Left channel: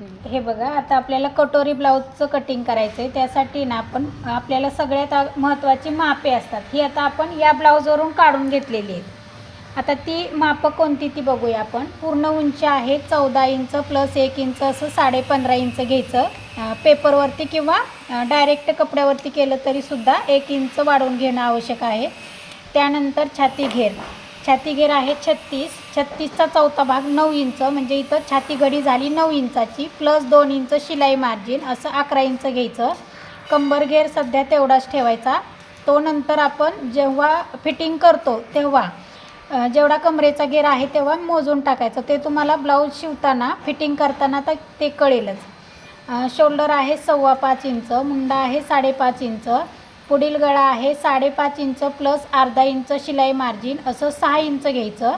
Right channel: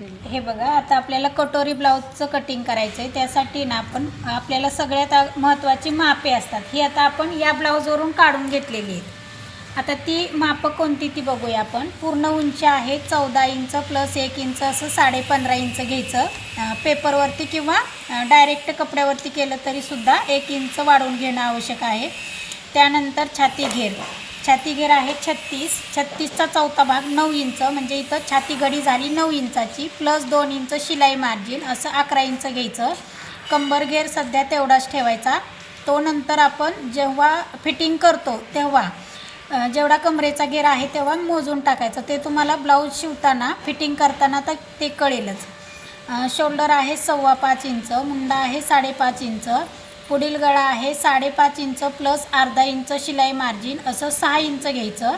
हे बघा आता आपल्याला कटोरी ब्लाऊजचं कटिंग करायचं आहे त्यासाठी ना आपण आपल्याला सगळ्यात महत्त्वाची मापे असतात. ही आता आपण या ब्लाऊजवरून काढून घेतलेली आहेत. आता ती मापं कोणती ती बघूया आपण. पूर्ण उंची आहे चौदा इंच प्लस एक इंच असं साडे पंधरा इंच घ्यायचं. पेपरवरती किंवा डायरेक्ट कपड्यावरती केलं तरीसुद्धा एक इंच वाढवून घेणं आवश्यक आहे. त्यानंतर छाती घेर. छातीघेर आहे छत्तीस. छत्तीसचा चौथा भाग नऊ इंच म्हणजे इथं छाती घडी झाली नऊ इंचाची प्लस दोन इंच शिलाई मार्जिन असं अकरा इंच घ्यायचं. कंबर घेर सध्या तेवढाच ठेवायचा. तो नंतर आपण जेव्हा फिटिंग करतो तेव्हा जेवढा कमरेचा घेर आहे तेव्हा मोजून टाकायचं. ते तुम्हाला ब्लाऊज शिवताना फिटिंग करताना तर ते कळेलच. शोल्डर आहे सव्वा पाच इंच मुंडा आहे साडेपाच इंच. पुढील गळा आहे साडेपाच इंच प्लस अर्धा इंच शिलाई मार्जिन असं सहा इंच घ्यायचं.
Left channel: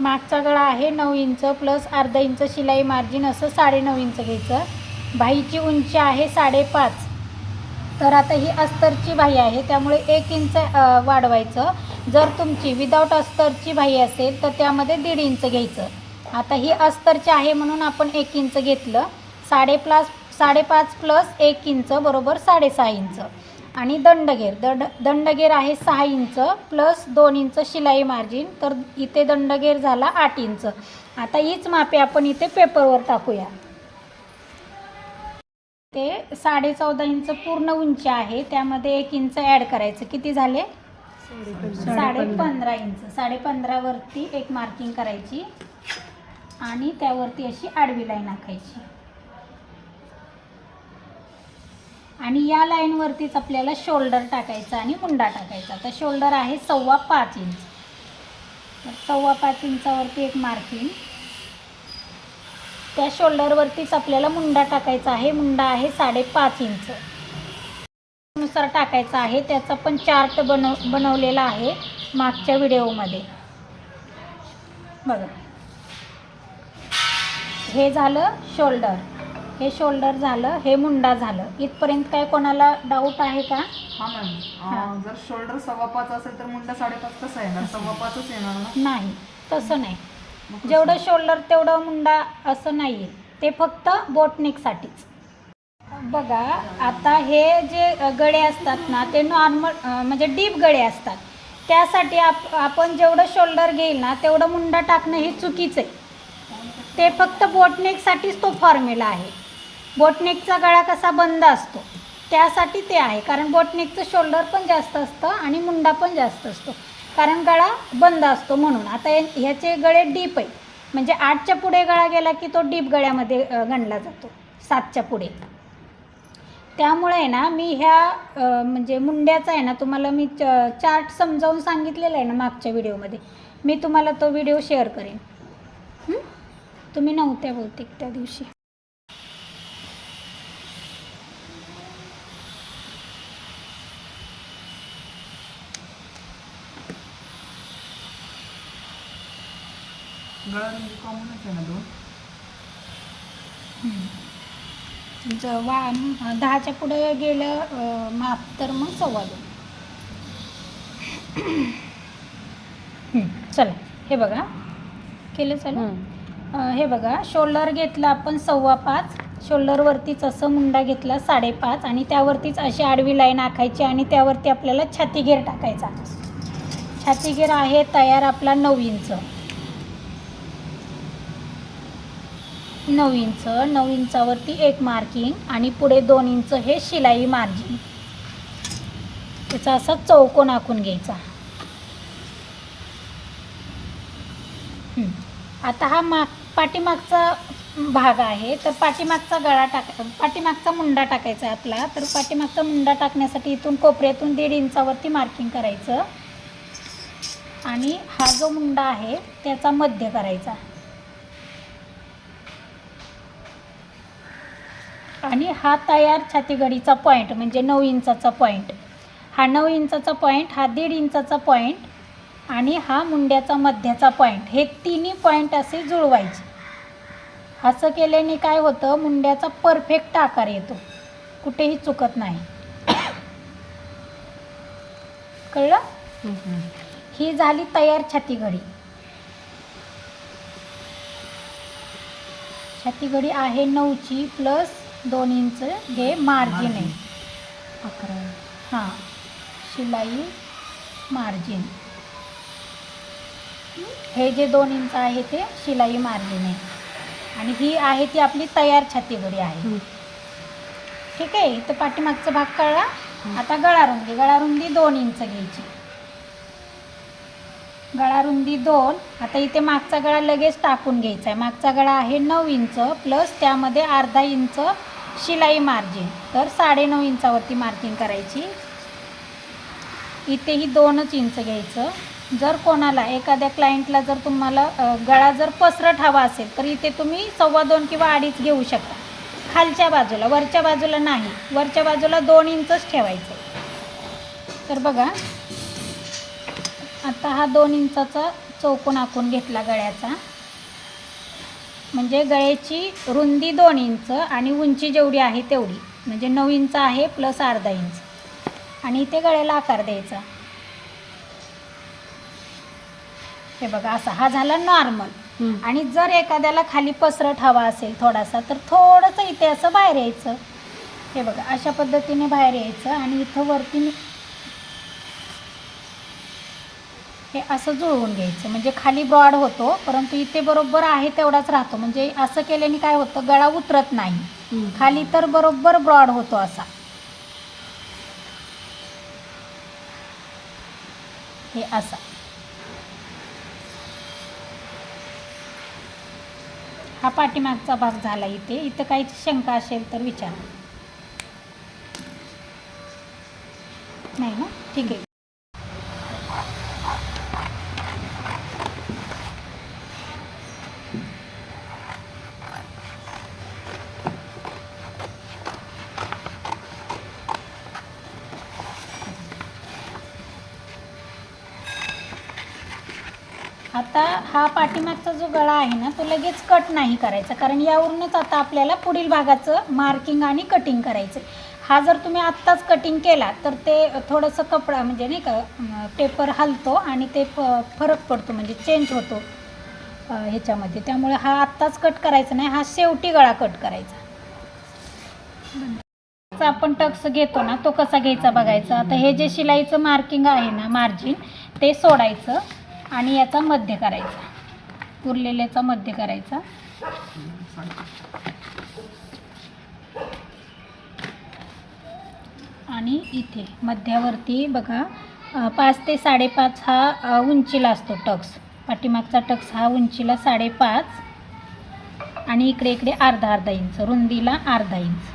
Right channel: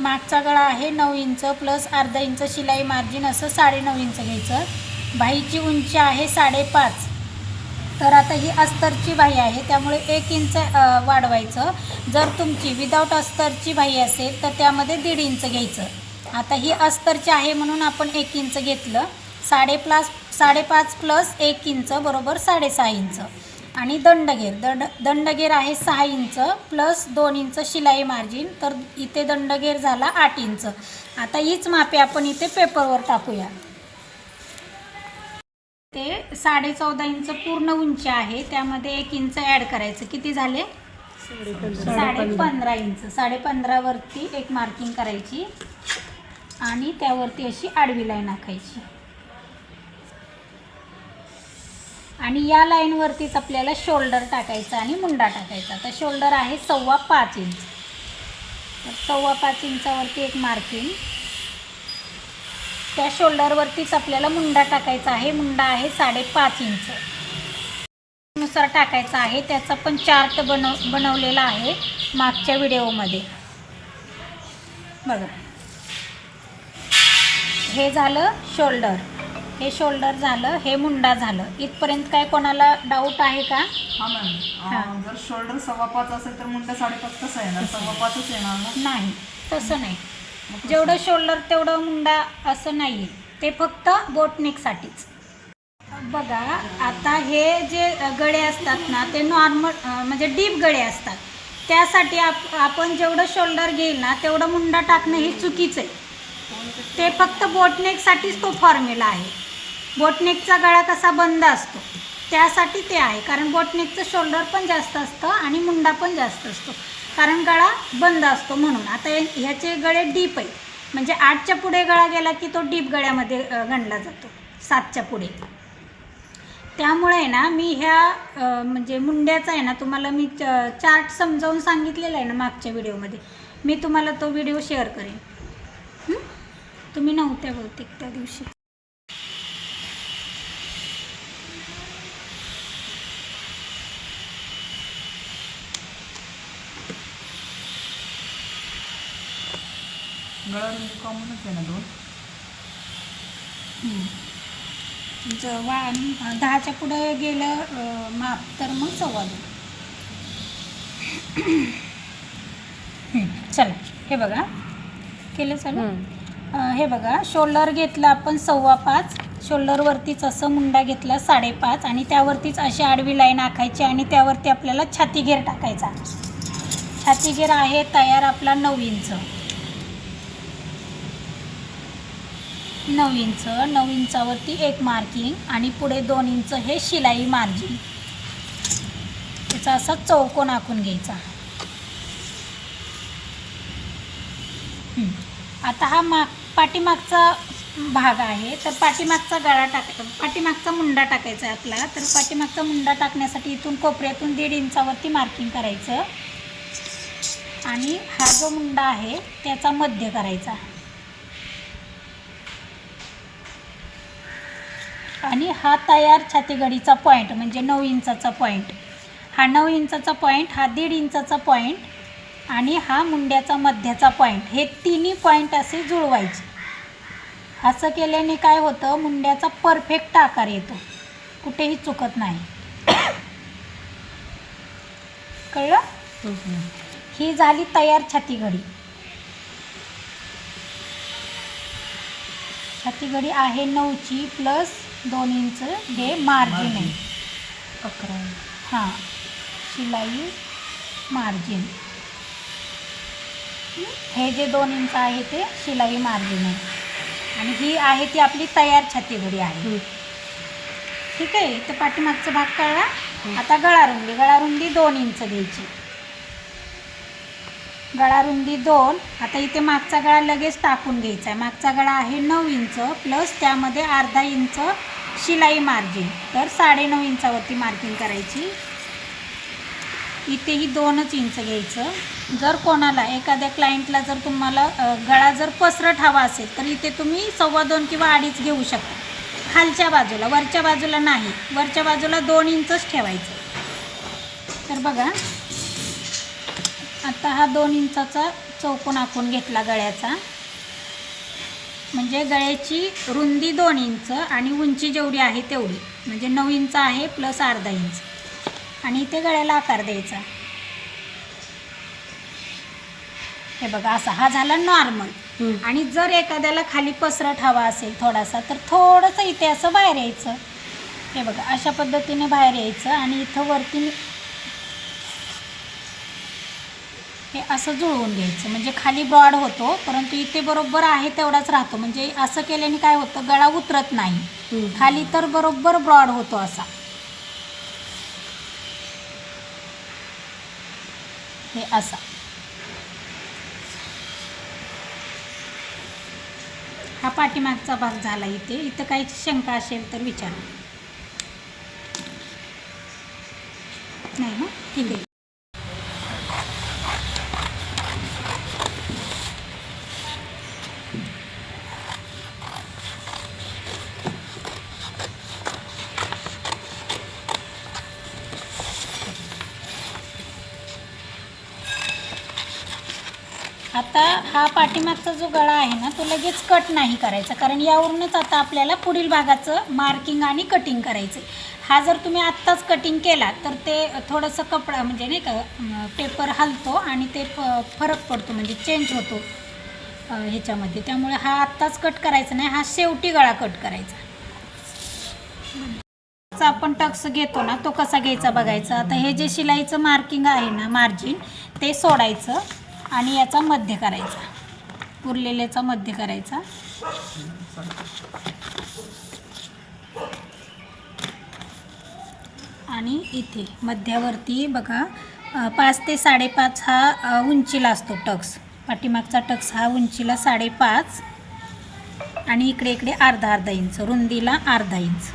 मागचा गळा आहे नऊ इंच प्लस अर्धा इंच शिलाई मार्जिन असं साडेनऊ इंच घ्यायचं. भाईची उंची आहे साडेपाच. तर आता ही अस्तरची भाई आहे त्यामुळे एक इंच वाढवायचं. जर तुमची विदाऊट अस्तरची भाई असेल तर त्यामध्ये दीड इंच घ्यायचं. आता ही अस्तरची आहे म्हणून आपण एक इंच घेतलं. साडे प्लास साडेपाच प्लस एक इंच बरोबर साडेसहा इंच. आणि दंडगेर. दंड दंडगेर आहे सहा इंच प्लस दोन इंच शिलाई मार्जिन. तर इथे दंडगेर झाला आठ इंच. आता हीच मापे आपण इथे पेपरवर टाकूया. ते साडे चौदा इंच पूर्ण उंची आहे. त्यामध्ये एक इंच ॲड करायचं. किती झाले? साडे पंधरा इंच. साडे पंधरावरती एक मार्किंग करायची. आणि त्यावरती अशी आडवी लाईन आखायची. आणि या लाईनवरतीच आपल्याला शोल्डर टाकायचा आणि मुंडा टाकायचा. तर शोल्डर आहे सव्वा पाच इंच. तर सव्वा पाच इंचावरती एक मार्किंग. त्या शोल्डरवरतीच आपल्याला मुंडा टाकायचा आहे. मुंडा आहे साडेपाच इंच. नुसार टाकायचा आहे. त्याचा पण चार्ट बनव बनवलेला आहे मागच्या व्हिडिओमध्ये. बघा. हे झालं शोल्डर. हे शोल्डर झालं हे मुंडा झालं. इथपर्यंत काय कोणाला डाऊट आहे का? हा मॅम जर शोल्डर सव्वा पाच असेल तर मुंडा साडेपाच कसा येणार सव्वा पाचच येणार ना? नाही तसं नाही? जेवढं शोल्डर तेवढं मुंडा असं नाही आहे ते फक्त बोटनेकसाठीच बघा आता हे जे गळे असतात ना ते नॉर्मल म्हणजे डीप गळे असतात. त्यासाठी आप आपण जेवढं शोल्डर घेईल ना तेवढं मुंडा टाकणं हे चुकीचं आहे. ते फक्त बोटनेकसाठीच तो फॉर्म्युला आहे. बोटनेकचा गळा कसा बंद असतो? त्यासाठी ते आहे. कारण बोटनेकचं शोल्डर पण जास्त असतं आणि मुंडा पण जास्त असतो. कारण गळा बंद असतो म्हणून. आता ह्याचे गळे डीप आहे म्हणजे आठच्या पुढे गळा गेला की तो डीप गळ्यामध्ये गणला जातो. सातच्या पुढे. त्यामुळे आहे ना मी ह्या म्हणजे मुंड्याचा आहे ना तुम्हाला मी च- चार्ट समजावून सांगितलेला आहे ना मागच्या व्हिडिओमध्ये. मी तुम्हाला तो व्हिडिओ शेअर करेन. तुम्ही नव्हत्या बहुतेक त्या दिवशी. गळा कॉमनच आहे ना दोन? ज- वा दहाच्या पुढे गेलं अ, माप तर मग सव्वा दोन. हं, चला हे बघा. केलं चला? अ, हे बघा. शोल्डर घेतलं आपण सव्वा पाच. शोल्डरवरतीच असं मुंडा घेतला साडेपाच आणि त्यावरतीच अशी आडवी लाईन आखायची आणि त्यावरती आपल्याला छाती घेर टाकायचा. छाती घेर आहे तयार आपला नऊ इंच. नऊ इंच नऊ इंचावरती एक मार्किंग आणि पुढे दोन इंच हे शिलाई मार्जिन त्याचा असा चौकोन आखून घ्यायचा. आता हा माग पाठीमागचा भाग आहे तर पाठीमागचा गळा टाक पाठीमागचा मुंडा टाकायचा आहे आपला. तर पाठीमागचा मुंडा टाकण्यासाठी इथून कोपऱ्यातून दीड इंचावरती मार्किंग करायचं. आणि हा जो मुंडा आहे त्याचा मध्य करायचा. आणि हा तयार छातीगडीचा पॉईंट म्हणजे नऊ इंचाचा पॉईंट हा नऊ इंचाचा पॉईंट हा दीड इंचाचा पॉईंट आणि हा मुंड्याचा मध्याचा पॉईंट हे तिन्ही पॉईंट असे जुळवायचे. असं केल्याने काय होतं? मुंड्याचा परफेक्ट आकार येतो. कुठेही चुकत नाही. कळलं? ही झाली तयार छातीघडी छातीगडी आहे नऊची प्लस दोन इंच हे मार्जिन आहे. अकरा हां. शिलाई मार्जिन. हे जे दोन इंच आहे ते शिलाई मार्जिन आहे. आणि ही आहे ती आपली तयार छातीगडी आहे. ठीक आहे? इथं पाठीमागचा भाग कळला? आता गळारुंदी गळारुंदी दोन इंच घ्यायची गळारुंदी दोन. आता इथे मागचा गळा लगेच टाकून घ्यायचा आहे. मागचा गळा आहे नऊ इंच. प्लस त्यामध्ये अर्धा इंच शिलाई मार्जिन तर साडेनऊ इंचावरती मार्जिन करायची. इथेही दोनच इंच घ्यायचं. जर कोणाला एखाद्या क्लायंटला जर तुम्हाला गळा जर पसरट हवा असेल तर इथे तुम्ही सव्वा दोन किंवा अडीच घेऊ शकता. खालच्या बाजूला वरच्या बाजूला नाही. वरच्या बाजूला दोन इंचच ठेवायचं. तर बघा आता हा दोन इंचाचा चौकोन आखून घेतला गळ्याचा. म्हणजे गळ्याची रुंदी दोन इंच आणि उंची जेवढी आहे तेवढी. म्हणजे नऊ इंच आहे प्लस अर्धा इंच. आणि इथे गळ्याला आकार द्यायचा. हे बघा असा हा झाला नॉर्मल. आणि जर एखाद्याला खाली पसरट हवा असेल थोडासा तर थोडंसं इथे असं बाहेर यायचं. हे बघा अशा पद्धतीने बाहेर यायचं आणि इथं वरती हे असं जुळवून घ्यायचं. म्हणजे खाली ब्रॉड होतो परंतु इथे बरोबर आहे तेवढाच राहतो. म्हणजे असं केल्याने काय होतं गळा उतरत नाही. खाली तर बरोबर ब्रॉड होतो असा. हे असा. हा पाठीमागचा भाग झाला इथे. इथं काही शंका असेल तर विचारा. नाही ठीक आहे आता हा पाठीमागचा जो गळा आहे ना तो लगेच कट नाही करायचा. कारण यावरूनच आता आपल्याला पुढील भागाचं मार्किंग आणि कटिंग करायचं हा जर तुम्ही आत्ताच कटिंग केला तर ते थोडंसं कपडा म्हणजे नाही का पेपर हलतो आणि ते फ फरक पडतो म्हणजे चेंज होतो ह्याच्यामध्ये. त्यामुळे हा आत्ताच कट करायचा नाही हा शेवटी गळा कट करायचा. आपण टक्स घेतो ना तो कसा घ्यायचा बघायचा. आता हे जे शिलाईचं मार्किंग आहे ना मार्जिन ते सोडायचं. आणि याचा मध्य करायचा. उरलेल्याचा मध्य करायचा. आणि इथे मध्यावरती बघा पाच ते साडेपाच हा उंचीला असतो टक्स. पाठीमागचा टक्स हा उंचीला साडेपाच आणि इकडे इकडे अर्धा अर्धा इंच रुंदीला अर्धा इंच.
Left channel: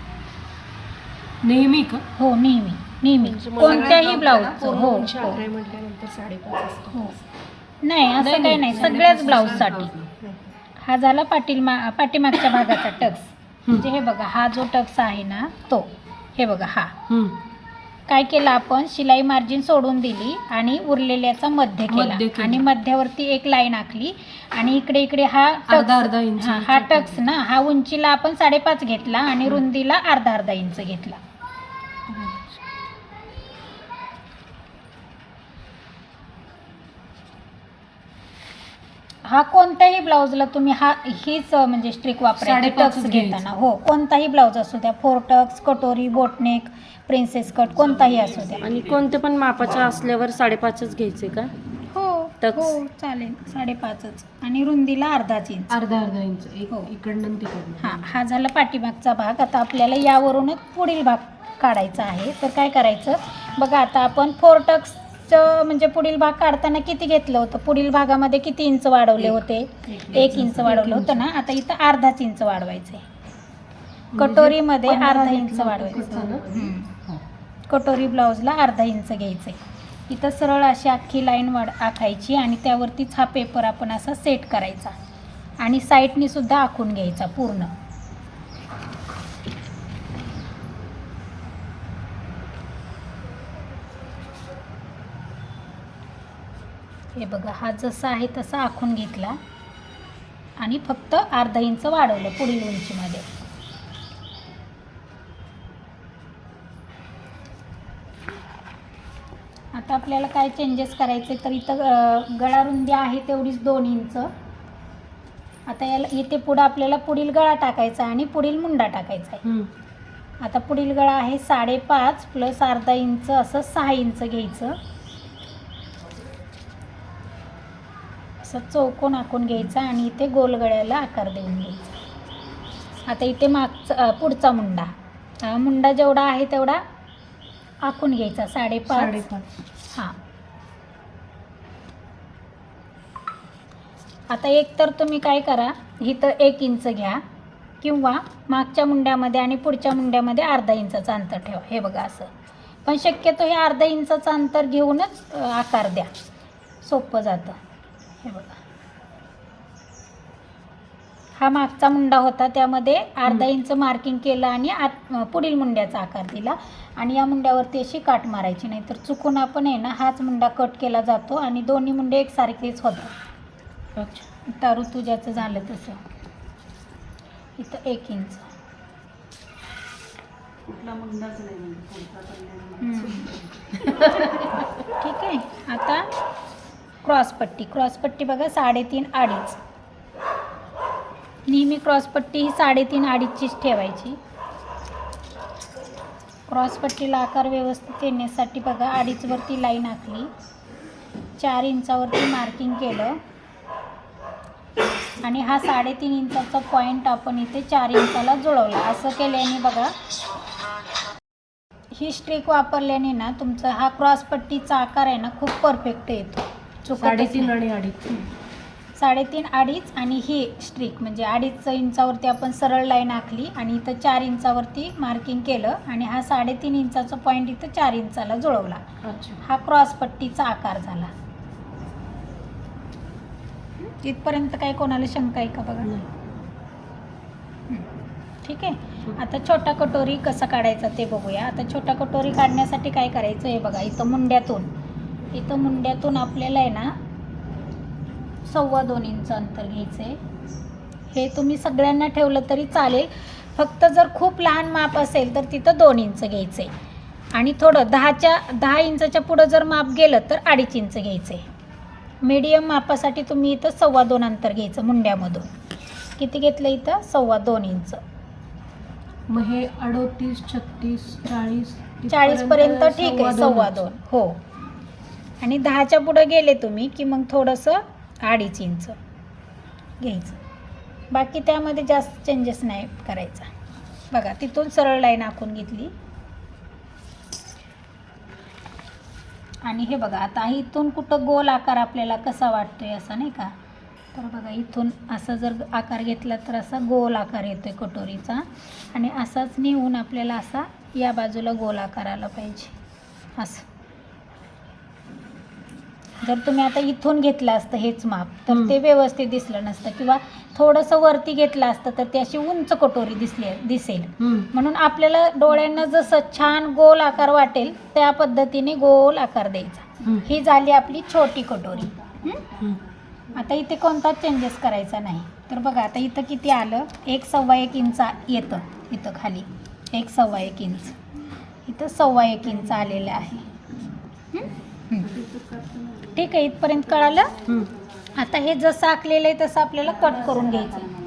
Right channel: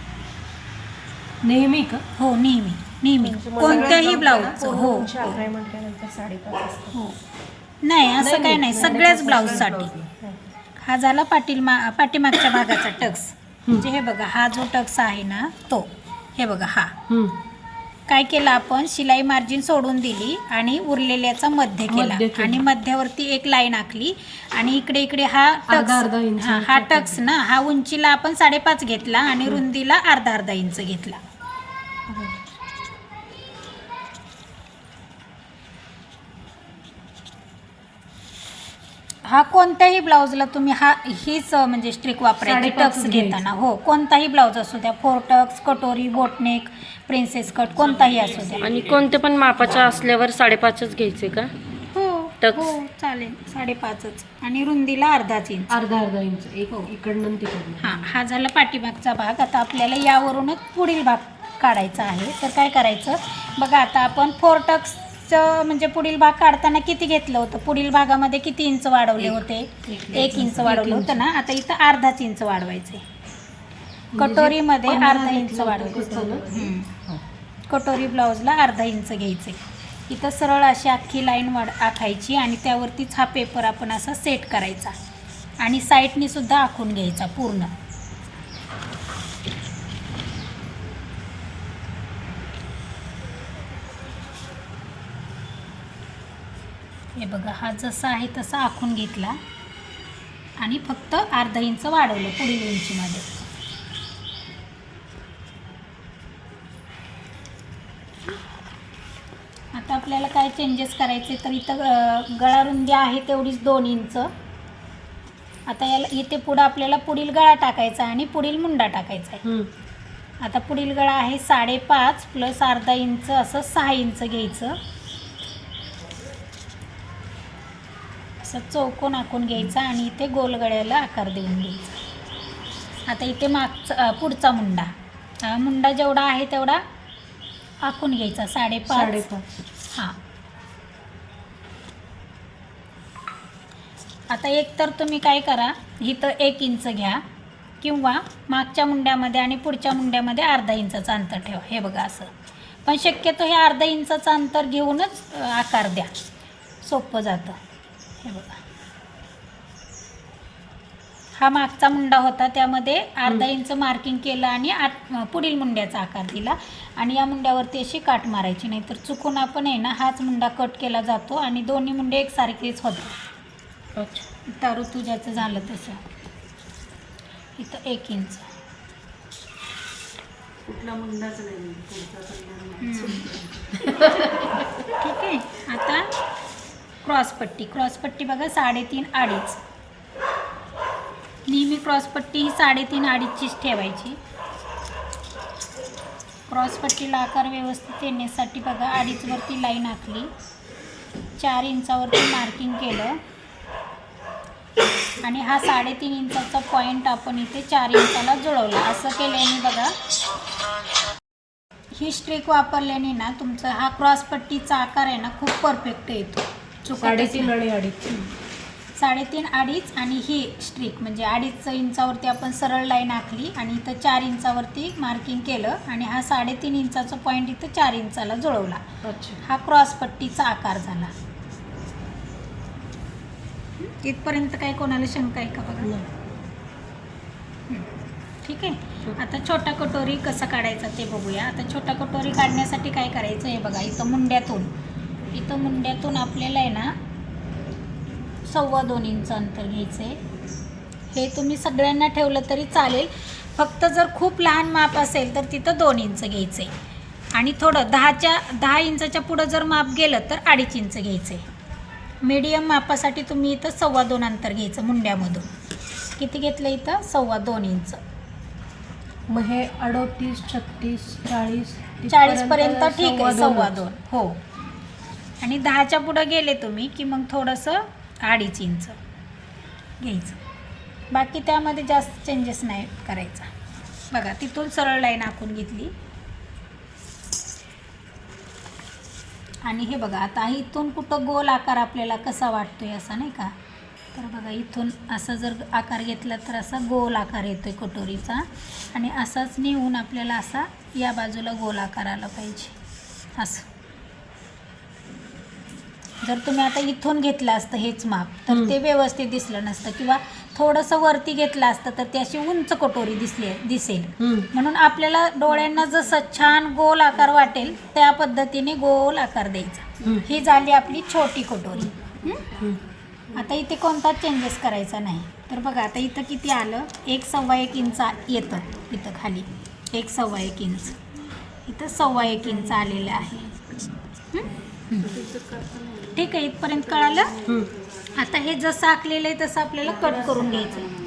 नेहमी का? हो नेहमी नेहमी. कोणत्याही ब्लाऊजचं हो. हो. नाही असं काही नाही. सगळ्याच ब्लाऊजसाठी हा झाला पाटील मा पाठीमागच्या भागाचा टक्स. म्हणजे हे बघा हा जो टक्स आहे ना तो. हे बघा हा. काय केलं आपण? शिलाई मार्जिन सोडून दिली आणि उरलेल्याचा मध्य केला. आणि मध्यावरती एक लाईन आखली. आणि इकडे इकडे हा टक्स. हा हा टक्स ना. हा उंचीला आपण साडेपाच घेतला आणि रुंदीला अर्धा अर्धा इंच घेतला. हा कोणत्याही ब्लाऊजला तुम्ही हा हीच म्हणजे स्ट्रिक वापरायची साडेपाचच टक्स घ्यायचं. घेताना. हो कोणताही ब्लाऊज असू द्या फोर टक्स कटोरी बोटनेक प्रिन्सेस कट कोणताही असू द्या. आणि कोणते पण मापाच्या असल्यावर साडेपाचच घ्यायचे का? हो टक्स. हो चालेल. साडेपाचच. आणि रुंदीला अर्धाच इंच अर्धा अर्धा इंच एक हो. इकडनं आणि तिकडनं. हां हा झाला पाठीमागचा भाग. आता आपल्याला यावरूनच पुढील भाग काढायचा आहे. तर काय करायचं? बघा आता आपण फोर म्हणजे पुढील भाग काढताना किती घेतलं होतं? पुढील भागामध्ये किती इंच वाढवले होते? एक इंच. वाढवलं होतं ना? आता इथं अर्धाच इंच वाढवायचं आहे कटोरीमध्ये अर्धा इंच वाढवायचं. हा. कटोरी ब्लाऊजला अर्धा इंच घ्यायचं आहे इथं सरळ अशी अख्खी लाईन वाढ आखायची आणि त्यावरतीच हा पेपर आपण असा सेट करायचा. आणि साईडनी सुद्धा आखून घ्यायचा पूर्ण. हे बघा हा जसा आहे तसा आखून घेतला. आणि फक्त अर्धा इंच वाढवलं पुढील उंचीमध्ये. आता आपल्याला काय चेंजेस करायचे तर इथं अ, गळा रुंदी आहे तेवढीच दोन इंच. आता याला इथे पुढं आपल्याला पुढील गळा टाकायचा आहे आणि पुढील मुंडा टाकायचा आहे. आता पुढील गळा आहे साडेपाच प्लस अर्धा इंच असं सहा इंच घ्यायचं. असं चौकोन आखून घ्यायचा आणि इथे गोल गळ्याला आकार देऊन घ्यायचा. आता इथे मागचा पुढचा मुंडा. हा मुंडा जेवढा आहे तेवढा आखून घ्यायचा साडेपाच. हां. आता एक तर तुम्ही काय करा इथं एक इंच घ्या किंवा मागच्या मुंड्यामध्ये आणि पुढच्या मुंड्यामध्ये अर्धा इंचाचं अंतर ठेवा. हे बघा असं. पण शक्यतो हे अर्धा इंचाचं अंतर घेऊनच आकार द्या. सोपं जातं. हे बघा. हा मागचा मुंडा होता त्यामध्ये अर्धा इंच मार्किंग केलं आणि आत पुढील मुंड्याचा आकार दिला. आणि या मुंड्यावरती अशी काट मारायची नाही तर चुकून आपण आहे ना हाच मुंडा कट केला जातो आणि दोन्ही मुंडे एकसारखेच होतात. अच्छा. तर तुझ्याचं झालं तसं. इथं एक इंच. कुठला मुंडाच नाही पुढचा तर नाही. ठीक आहे. आता क्रॉसपट्टी. क्रॉसपट्टी बघा साडेतीन अडीच. नेहमी क्रॉसपट्टी ही साडेतीन अडीचचीच ठेवायची. क्रॉसपट्टीला आकार व्यवस्थित येण्यासाठी बघा अडीचवरती लाईन आखली. चार इंचावरती मार्किंग केलं. आणि हा साडेतीन इंचाचा पॉईंट आपण इथे चार इंचाला जुळवला. असं केल्याने बघा ही स्ट्रिक वापरल्याने ना तुमचा हा क्रॉसपट्टीचा आकार आहे ना खूप परफेक्ट येतो. साडेतीन. आणि अडीच. साडेतीन अडीच आणि ही स्ट्रिक म्हणजे अडीच इंचावरती आपण सरळ लाईन आखली आणि इथं चार इंचावरती मार्किंग केलं आणि हा साडेतीन इंचाचा पॉईंट इथं चार इंचाला जुळवला. हा क्रॉसपट्टीचा आकार झाला. इथपर्यंत काय कोणाला शंका आहे का बघा. ठीक आहे. आता छोटा कटोरी कसा काढायचा ते बघूया. आता छोटा कटोरी काढण्यासाठी काय करायचं हे बघा इथं मुंड्यातून. इथं मुंड्यातून आपल्याला आहे ना सव्वा दोन इंच अंतर घ्यायचं आहे हे तुम्ही सगळ्यांना ठेवलं तरी चालेल. फक्त जर खूप लहान माप असेल तर तिथं दोन इंच घ्यायचं आहे आणि थोडं दहाच्या दहा इंचाच्या पुढं जर माप गेलं तर अडीच इंच घ्यायचं आहे मीडियम मापासाठी तुम्ही इथं सव्वा दोन अंतर घ्यायचं मुंड्यामधून. किती घेतलं इथं? सव्वा दोन इंच. मग हे अडोतीस छत्तीस चाळीस चाळीसपर्यंत ठीक आहे सव्वा दोन. हो. आणि दहाच्या पुढं गेले तुम्ही की मग थोडंसं अडीच इंच घ्यायचं. बाकी त्यामध्ये जास्त चेंजेस नाही करायचा. बघा तिथून सरळ लाईन आखून घेतली. आणि हे बघा आता इथून कुठं गोल आकार आपल्याला कसा वाटतो आहे असा नाही का? तर बघा इथून असं जर आकार घेतला तर असा गोल आकार येतो आहे कटोरीचा. आणि असाच नेऊन आपल्याला असा या बाजूला गोल आकार आला पाहिजे. असं. जर तुम्ही आता इथून घेतलं असतं हेच माप तर. ते व्यवस्थित दिसलं नसतं. किंवा थोडंसं वरती घेतलं असतं तर ती अशी उंच कटोरी दिसली दिसेल. म्हणून आपल्याला डोळ्यांना जसं छान गोल आकार वाटेल त्या पद्धतीने गोल आकार द्यायचा. ही झाली आपली छोटी कटोरी. आता इथे कोणताच चेंजेस करायचा नाही. तर बघा आता इथं किती आलं? एक सव्वा एक इंच येतं इथं खाली. एक सव्वा एक इंच. इथं सव्वा एक इंच आलेलं आहे. ठीक आहे इथपर्यंत कळालं. आता हे जसं आखलेलं आहे तसं आपल्याला कट करून घ्यायचं.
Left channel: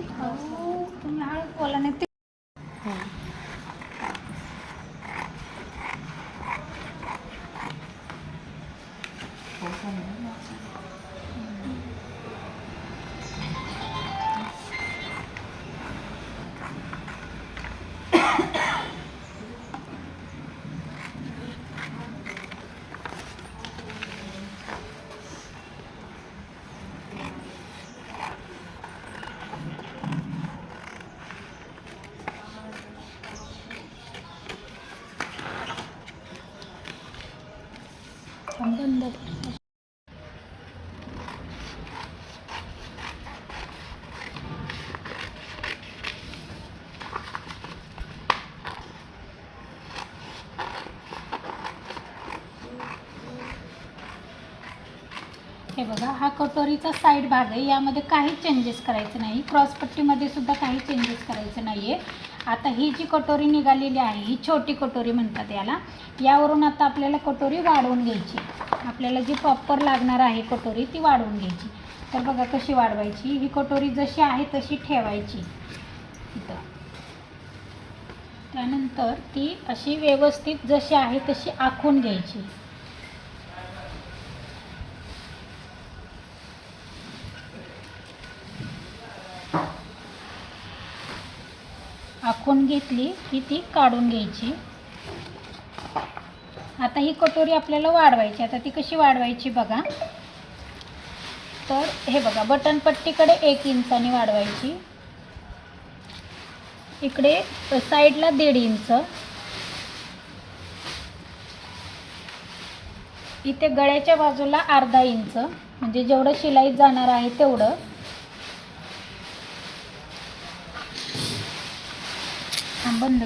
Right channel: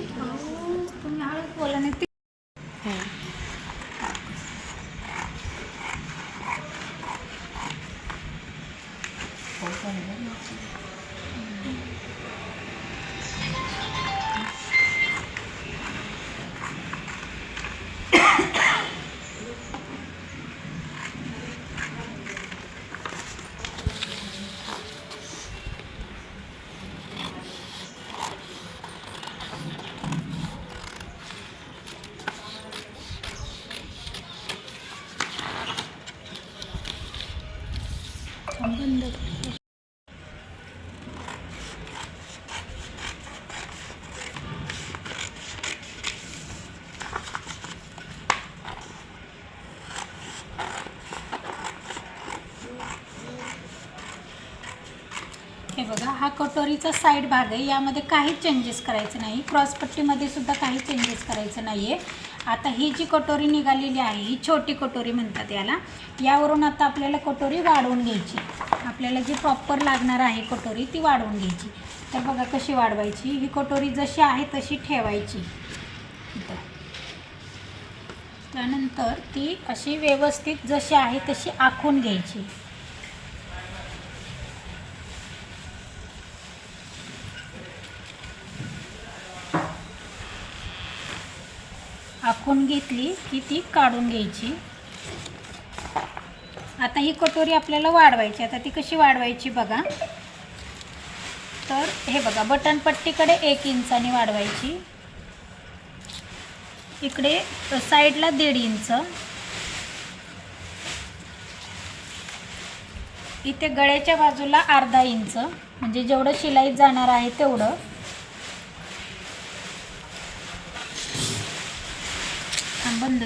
हे बघा हा कटोरीचा साईड भाग आहे. यामध्ये काही चेंजेस करायचं नाही. क्रॉसपट्टीमध्ये सुद्धा काही चेंजेस करायचं नाही आहे आता ही जी कटोरी निघालेली आहे ही छोटी कटोरी म्हणतात याला. यावरून आता आपल्याला कटोरी वाढवून घ्यायची. आपल्याला जी प्रॉपर लागणार आहे कटोरी ती वाढवून घ्यायची. तर बघा कशी वाढवायची. ही कटोरी जशी आहे तशी ठेवायची. त्यानंतर ती अशी व्यवस्थित जशी आहे तशी आखून घ्यायची. आखून घेतली की ती काढून घ्यायची. आता ही कटोरी आपल्याला वाढवायची. आता ती कशी वाढवायची बघा. तर हे बघा बटन पट्टीकडे एक इंचाने वाढवायची. इकडे साईडला दीड इंच. इथे गळ्याच्या बाजूला अर्धा इंच. म्हणजे जेवढं शिलाईत जाणार आहे तेवढं.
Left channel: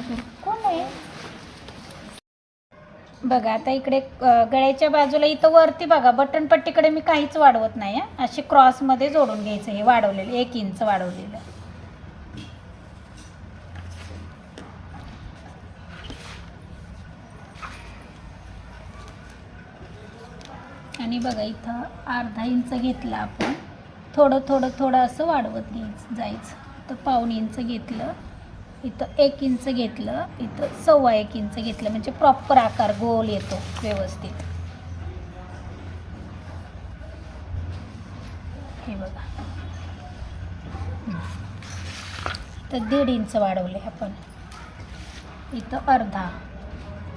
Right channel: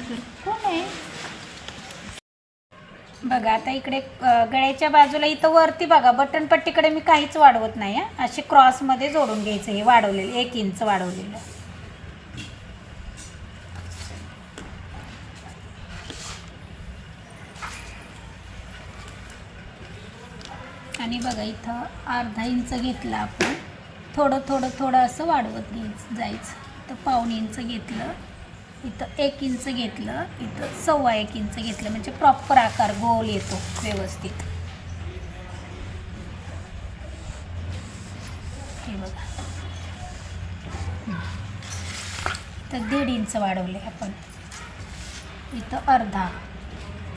हा कोण आहे बघा आता इकडे गळ्याच्या बाजूला इथं वरती बघा बटन पट्टीकडे मी काहीच वाढवत नाही आहे असे क्रॉसमध्ये जोडून घ्यायचं हे वाढवलेलं एक इंच वाढवलेलं. आणि बघा इथं अर्धा इंच घेतला आपण. थोडं थोडं थोडं असं वाढवत घ्यायचं जायचं. तर पाऊण इंच घेतलं. इथं एक इंच घेतलं इथं सव्वा एक इंच घेतलं म्हणजे प्रॉपर आकार गोल येतो व्यवस्थित. हे बघा. तर दीड इंच वाढवले आपण. इथं अर्धा.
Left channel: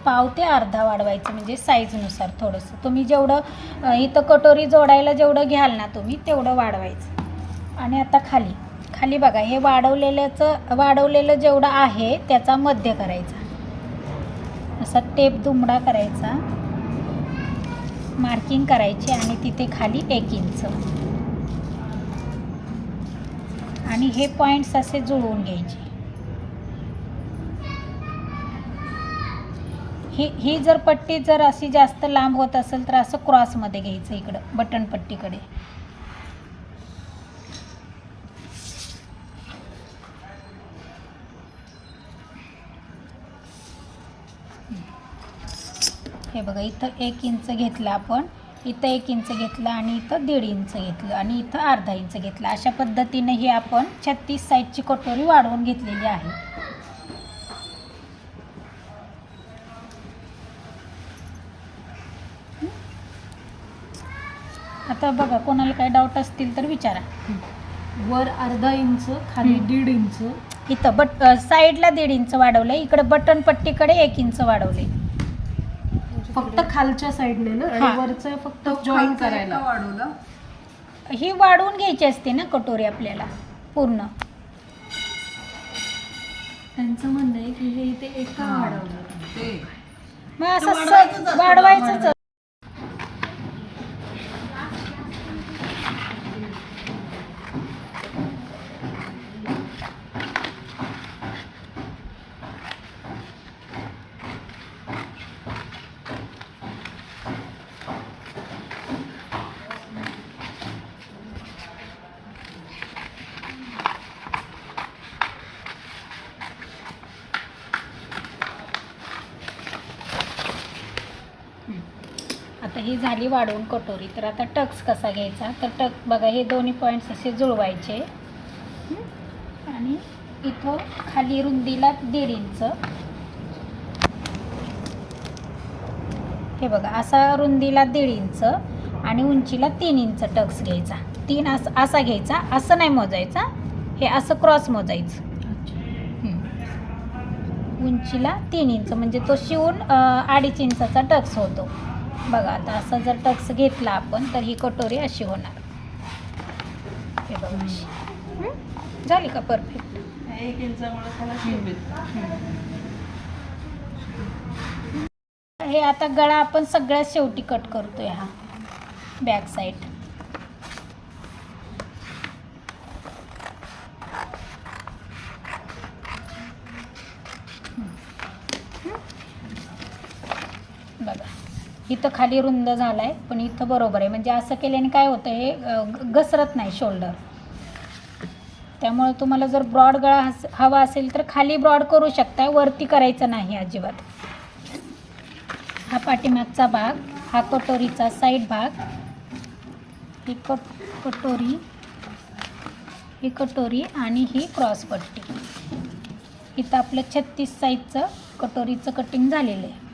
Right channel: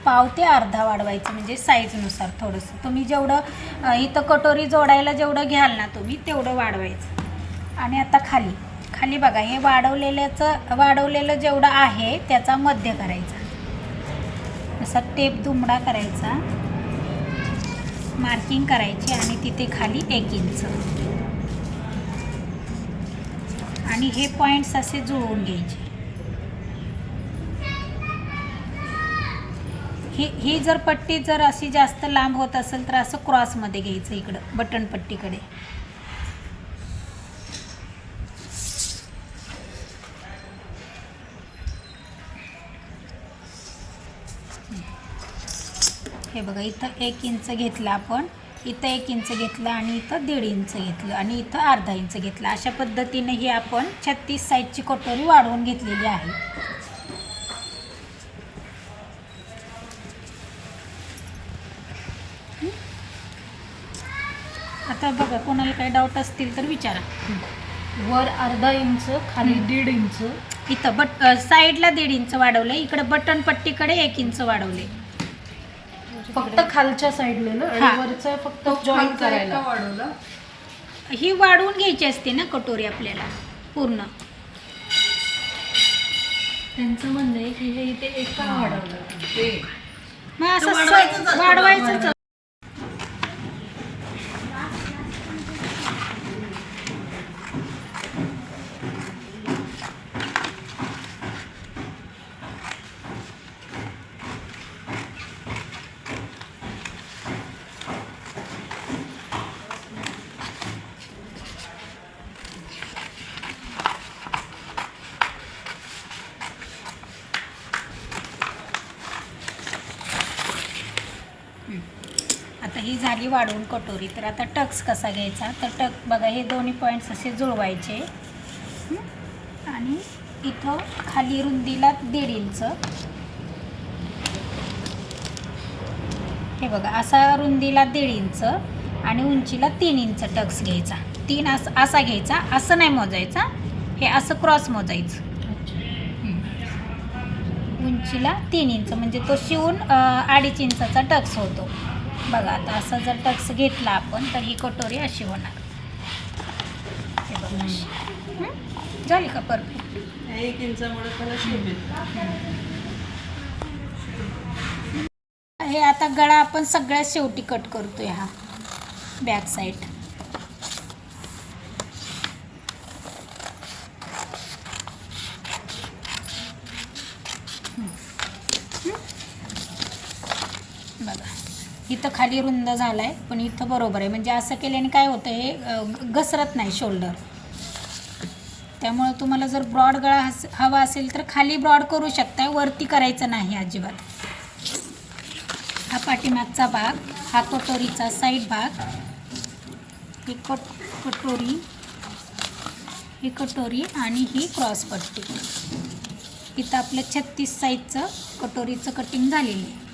पाव ते अर्धा वाढवायचं म्हणजे साईजनुसार थोडंसं. तुम्ही जेवढं इथं कटोरी जोडायला जेवढं घ्याल ना तुम्ही तेवढं वाढवायचं. आणि आता खाली. खाली बघा हे वाढवलेल्याचं वाढवलेलं जेवढं आहे त्याचा मध्य करायचा. असा टेप दुमडा करायचा. मार्किंग करायची आणि तिथे खाली एक इंच. आणि हे पॉईंट्स असे जुळवून घ्यायचे. ही ही जर पट्टी जर अशी जास्त लांब होत असेल तर असं क्रॉसमध्ये घ्यायचं इकडं बटन पट्टीकडे. हे बघा इथं एक इंच घेतलं आपण इथं एक इंच घेतलं आणि इथं दीड इंच घेतलं आणि इथं अर्धा इंच घेतलं. अशा पद्धतीने ही आपण छत्तीस साईजची कटोरी वाढवून घेतलेली आहे. आता बघा कोणाला काही डाऊट असतील तर विचारा. वर अर्धा इंच खाली दीड इंच. इथं बट साईडला दीड इंच वाढवले इकडे बटन पट्टीकडे एक इंच वाढवले फक्त खालच्या साईडने ना हा. आणि वरचं फक्त तो जॉईन करायला. का वाढवला? ही वाढवून घ्यायची असते ना कटोरी आपल्याला पूर्ण. त्यांचं म्हणणं आहे की हे इथे एका वाढवलं? ते मग असं वाढवायचंच स- असतं, वाढवायचंच ही झाली वाढवून कटोरी. तर आता टक्स कसा घ्यायचा? तर टक बघा हे दोन्ही पॉईंट्स असे जुळवायचे? आणि इथं खाली रुंदीला दीड इंच. हे बघा असा रुंदीला दीड इंच आणि उंचीला तीन इंच टक्स घ्यायचा. तीन असं असा घ्यायचा असं नाही मोजायचा हे असं क्रॉस मोजायचं. उंचीला तीन इंच म्हणजे तो शिवून अडीच इंचाचा टक्स होतो. बघा आता असा जर टक्स घेतला आपण तर ही कटोरी अशी होणार. हे बघा अशी. झाली का परफेक्ट एक हे आता गळा आपण सगळ्यात शेवटी कट करतोय हा. बॅक साईड बघा इथं खाली रुंद झाला आहे पण इथं बरोबर आहे. म्हणजे असं केल्याने काय होतं हे घसरत नाही शोल्डर. त्यामुळे तुम्हाला जर ब्रॉड गळा हस हवा असेल तर खाली ब्रॉड करू शकताय वरती करायचं नाही अजिबात. हा पाठीमागचा भाग हा कटोरीचा साईड भाग ही कट कटोरी ही कटोरी आणि ही क्रॉस पट्टी. इथं आपलं छत्तीस साईजचं कटोरीचं कटिंग झालेलं आहे.